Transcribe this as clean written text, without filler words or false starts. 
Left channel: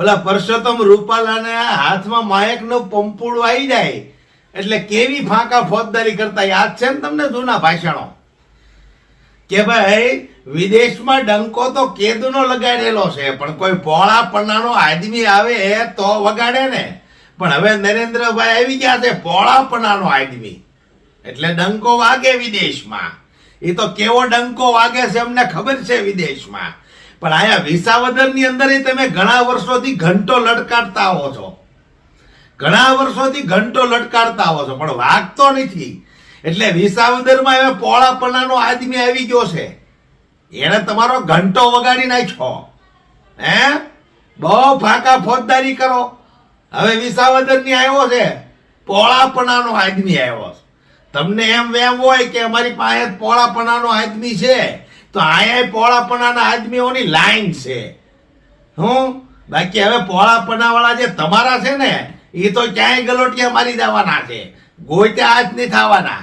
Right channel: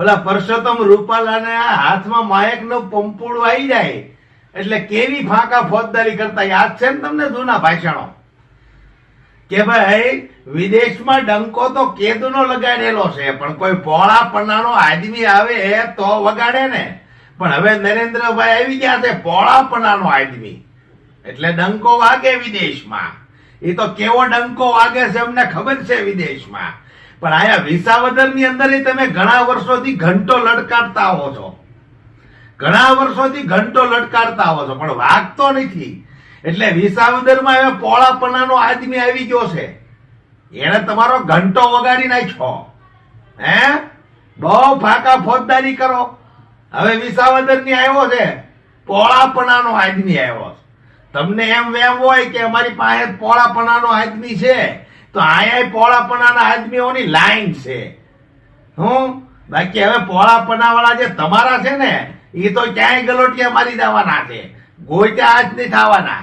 ઓલા પરસોત્તમ રૂપાલાને હાથમાં માયકનું પંપુડું આવી જાય એટલે કેવી ફાંકા ફોજદારી કરતા યાદ છે ને તમને જૂના ભાષણો કે ભાઈ વિદેશમાં ડંકો તો કેદુનો લગાડેલો છે પણ કોઈ પોળા પન્નાનો આદમી આવે તો વગાડે ને. પણ હવે નરેન્દ્રભાઈ આવી ગયા છે પોળા પન્નાનો આદમી એટલે ડંકો વાગે વિદેશમાં. એ તો કેવો ડંકો વાગે છે અમને ખબર છે વિદેશમાં. પણ આયા વિસાવદર ની અંદર તમે ઘણા વર્ષોથી ઘંટો લટકાડતા આવો છો, ઘણા વર્ષોથી ઘંટો લટકાડતા આવો છો પણ વાગતો નથી. એટલે વિસાવદરમાં હવે પોળાપણાનો આદમી આવી ગયો છે, એને તમારો ઘંટો વગાડી નાખ્યો. હે બહુ ફાંકા ફોજદારી કરો. હવે વિસાવદર ની આવ્યો છે પોળાપણાનો આદમી આવ્યો છે. તમને એમ વેમ હોય કે અમારી પાસે પોળાપણાનો આદમી છે તો અહીંયા પોળાપણાના આદમીઓની લાઈન છે. બાકી હવે પોળાપણા વાળા જે તમારા છે ને એ તો ક્યાંય ગલોટિયા મારી જવાના છે, ગોઈટા હાથ નહીં થવાના.